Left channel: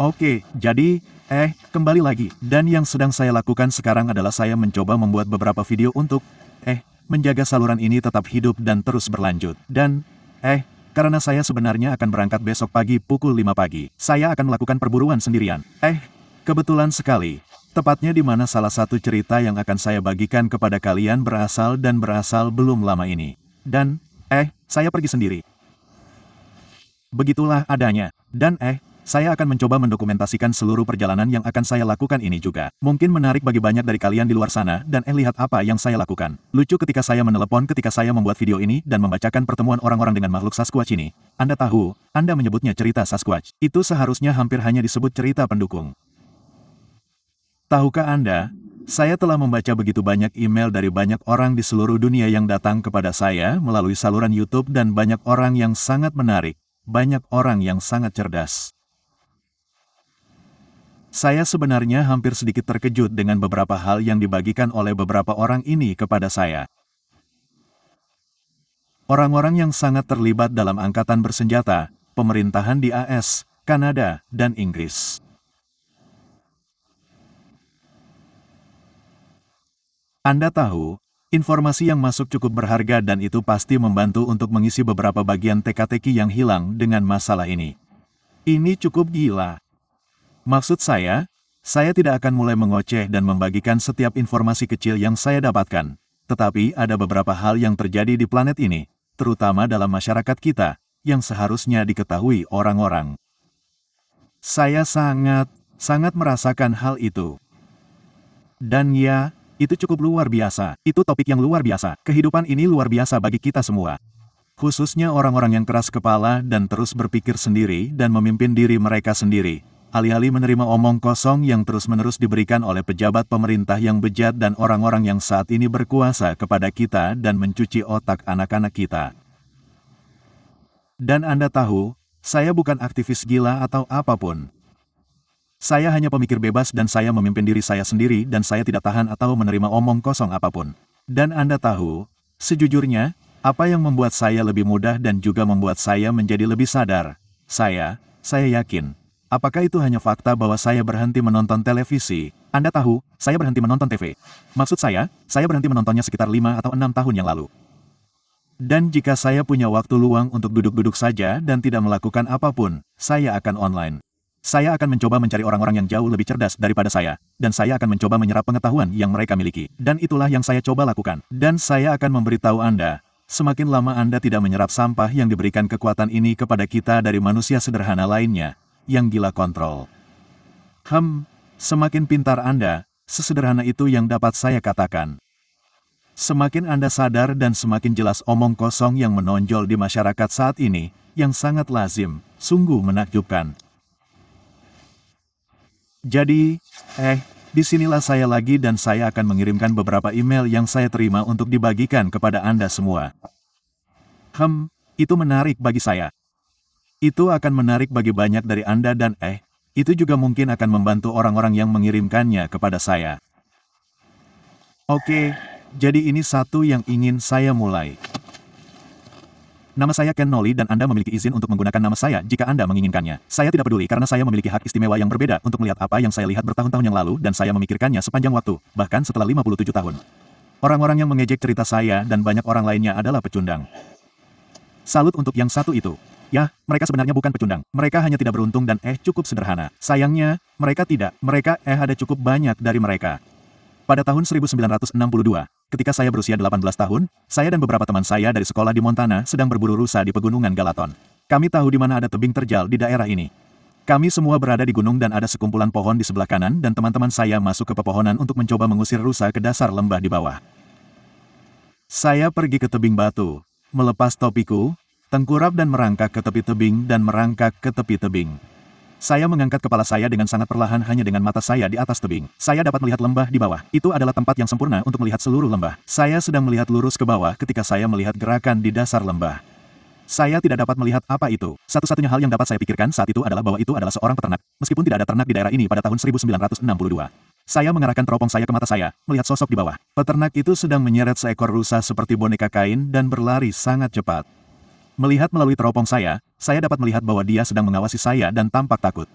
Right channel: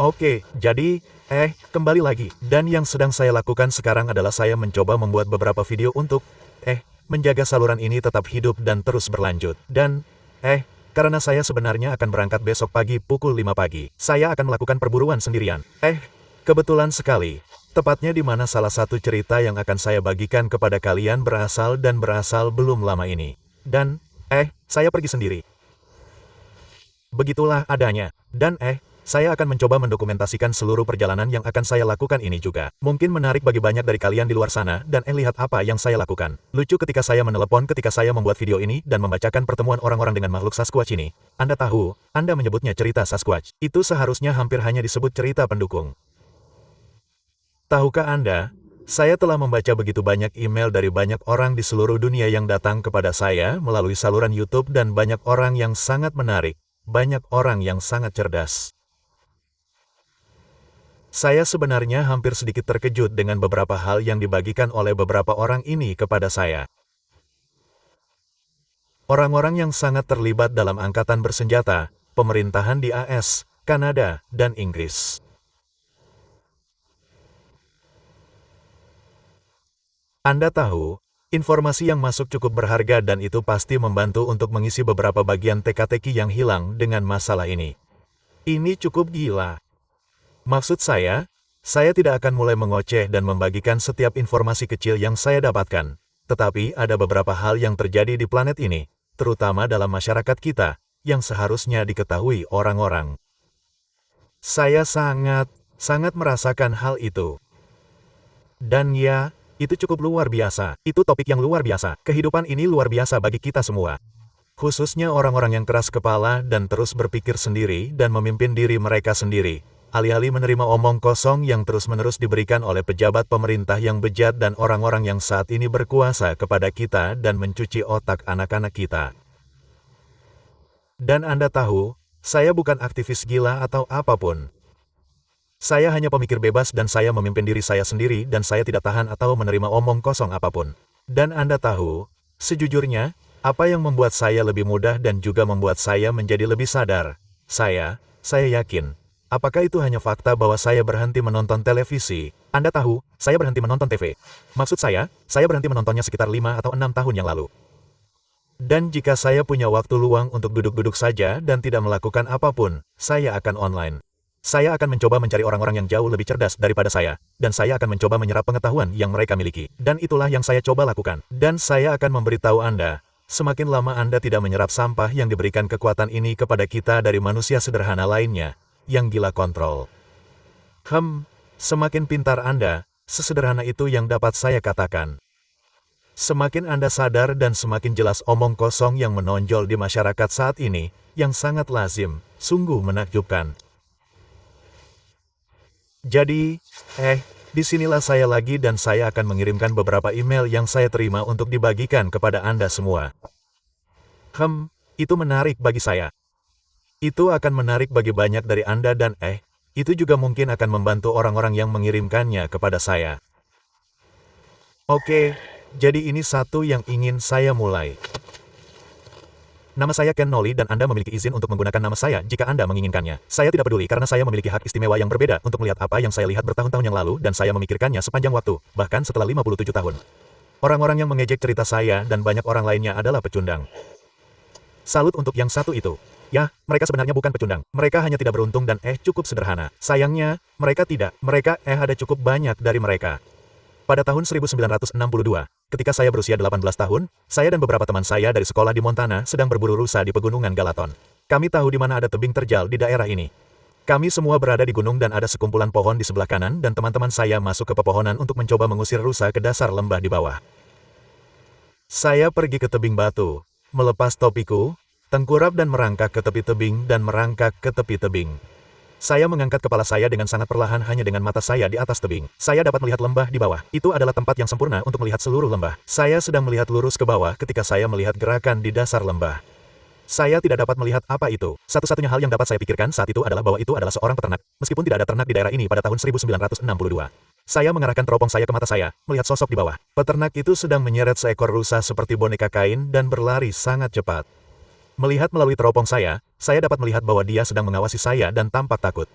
Oke, jadi, kembali lagi. Dan yang sedang saya lakukan sekarang adalah saya mencoba membuat beberapa video untuk, menjaga saluran ini tetap hidup dan terus berlanjut. Dan, karena saya sebenarnya akan berangkat besok pagi pukul 5 pagi, saya akan melakukan perburuan sendirian. Kebetulan sekali. Tepatnya di mana salah satu cerita yang akan saya bagikan kepada kalian berasal belum lama ini. Dan, saya pergi sendiri. Begitulah adanya. Dan saya akan mencoba mendokumentasikan seluruh perjalanan yang akan saya lakukan ini juga. Mungkin menarik bagi banyak dari kalian di luar sana dan lihat apa yang saya lakukan. Lucu ketika saya menelepon ketika saya membuat video ini dan membacakan pertemuan orang-orang dengan makhluk Sasquatch ini. Anda tahu, Anda menyebutnya cerita Sasquatch. Itu seharusnya hampir hanya disebut cerita pendukung. Tahukah Anda, saya telah membaca begitu banyak email dari banyak orang di seluruh dunia yang datang kepada saya melalui saluran YouTube dan banyak orang yang sangat menarik, banyak orang yang sangat cerdas. Saya sebenarnya hampir sedikit terkejut dengan beberapa hal yang dibagikan oleh beberapa orang ini kepada saya. Orang-orang yang sangat terlibat dalam angkatan bersenjata, pemerintahan di AS, Kanada, dan Inggris. Anda tahu, informasi yang masuk cukup berharga dan itu pasti membantu untuk mengisi beberapa bagian teka-teki yang hilang dengan masalah ini. Ini cukup gila. Maksud saya tidak akan mulai mengoceh dan membagikan setiap informasi kecil yang saya dapatkan. Tetapi ada beberapa hal yang terjadi di planet ini, terutama dalam masyarakat kita, yang seharusnya diketahui orang-orang. Saya sangat merasakan hal itu. Dan ya, itu cukup luar biasa. Itu topik yang luar biasa. Kehidupan ini luar biasa bagi kita semua. Khususnya orang-orang yang keras kepala dan terus berpikir sendiri dan memimpin diri mereka sendiri. Alih-alih menerima omong kosong yang terus-menerus diberikan oleh pejabat pemerintah yang bejat dan orang-orang yang saat ini berkuasa kepada kita dan mencuci otak anak-anak kita. Dan Anda tahu, saya bukan aktivis gila atau apapun. Saya hanya pemikir bebas dan saya memimpin diri saya sendiri dan saya tidak tahan atau menerima omong kosong apapun. Dan Anda tahu, sejujurnya, apa yang membuat saya lebih mudah dan juga membuat saya menjadi lebih sadar? Saya yakin. Apakah itu hanya fakta bahwa saya berhenti menonton televisi? Anda tahu, saya berhenti menonton TV. Maksud saya berhenti menontonnya sekitar 5 atau 6 tahun yang lalu. Dan jika saya punya waktu luang untuk duduk-duduk saja dan tidak melakukan apapun, saya akan online. Saya akan mencoba mencari orang-orang yang jauh lebih cerdas daripada saya, dan saya akan mencoba menyerap pengetahuan yang mereka miliki. Dan itulah yang saya coba lakukan. Dan saya akan memberitahu Anda, semakin lama Anda tidak menyerap sampah yang diberikan kekuatan ini kepada kita dari manusia sederhana lainnya, yang gila kontrol. Semakin pintar Anda, sesederhana itu yang dapat saya katakan. Semakin Anda sadar dan semakin jelas omong kosong yang menonjol di masyarakat saat ini, yang sangat lazim, sungguh menakjubkan. Jadi, disinilah saya lagi dan saya akan mengirimkan beberapa email yang saya terima untuk dibagikan kepada Anda semua. Itu menarik bagi saya. Itu akan menarik bagi banyak dari Anda dan itu juga mungkin akan membantu orang-orang yang mengirimkannya kepada saya. Oke, jadi ini satu yang ingin saya mulai. Nama saya Ken Noli dan Anda memiliki izin untuk menggunakan nama saya jika Anda menginginkannya. Saya tidak peduli karena saya memiliki hak istimewa yang berbeda untuk melihat apa yang saya lihat bertahun-tahun yang lalu dan saya memikirkannya sepanjang waktu, bahkan setelah 57 tahun. Orang-orang yang mengejek cerita saya dan banyak orang lainnya adalah pecundang. Salut untuk yang satu itu. Ya, mereka sebenarnya bukan pecundang. Mereka hanya tidak beruntung dan cukup sederhana. Sayangnya, mereka tidak. Mereka ada cukup banyak dari mereka. Pada tahun 1962, ketika saya berusia 18 tahun, saya dan beberapa teman saya dari sekolah di Montana sedang berburu rusa di pegunungan Galaton. Kami tahu di mana ada tebing terjal di daerah ini. Kami semua berada di gunung dan ada sekumpulan pohon di sebelah kanan dan teman-teman saya masuk ke pepohonan untuk mencoba mengusir rusa ke dasar lembah di bawah. Saya pergi ke tebing batu, melepas topiku, tengkurap dan merangkak ke tepi tebing dan merangkak ke tepi tebing. Saya mengangkat kepala saya dengan sangat perlahan hanya dengan mata saya di atas tebing. Saya dapat melihat lembah di bawah. Itu adalah tempat yang sempurna untuk melihat seluruh lembah. Saya sedang melihat lurus ke bawah ketika saya melihat gerakan di dasar lembah. Saya tidak dapat melihat apa itu. Satu-satunya hal yang dapat saya pikirkan saat itu adalah bahwa itu adalah seorang peternak, meskipun tidak ada ternak di daerah ini pada tahun 1962. Saya mengarahkan teropong saya ke mata saya, melihat sosok di bawah. Peternak itu sedang menyeret seekor rusa seperti boneka kain dan berlari sangat cepat. Melihat melalui teropong saya dapat melihat bahwa dia sedang mengawasi saya dan tampak takut.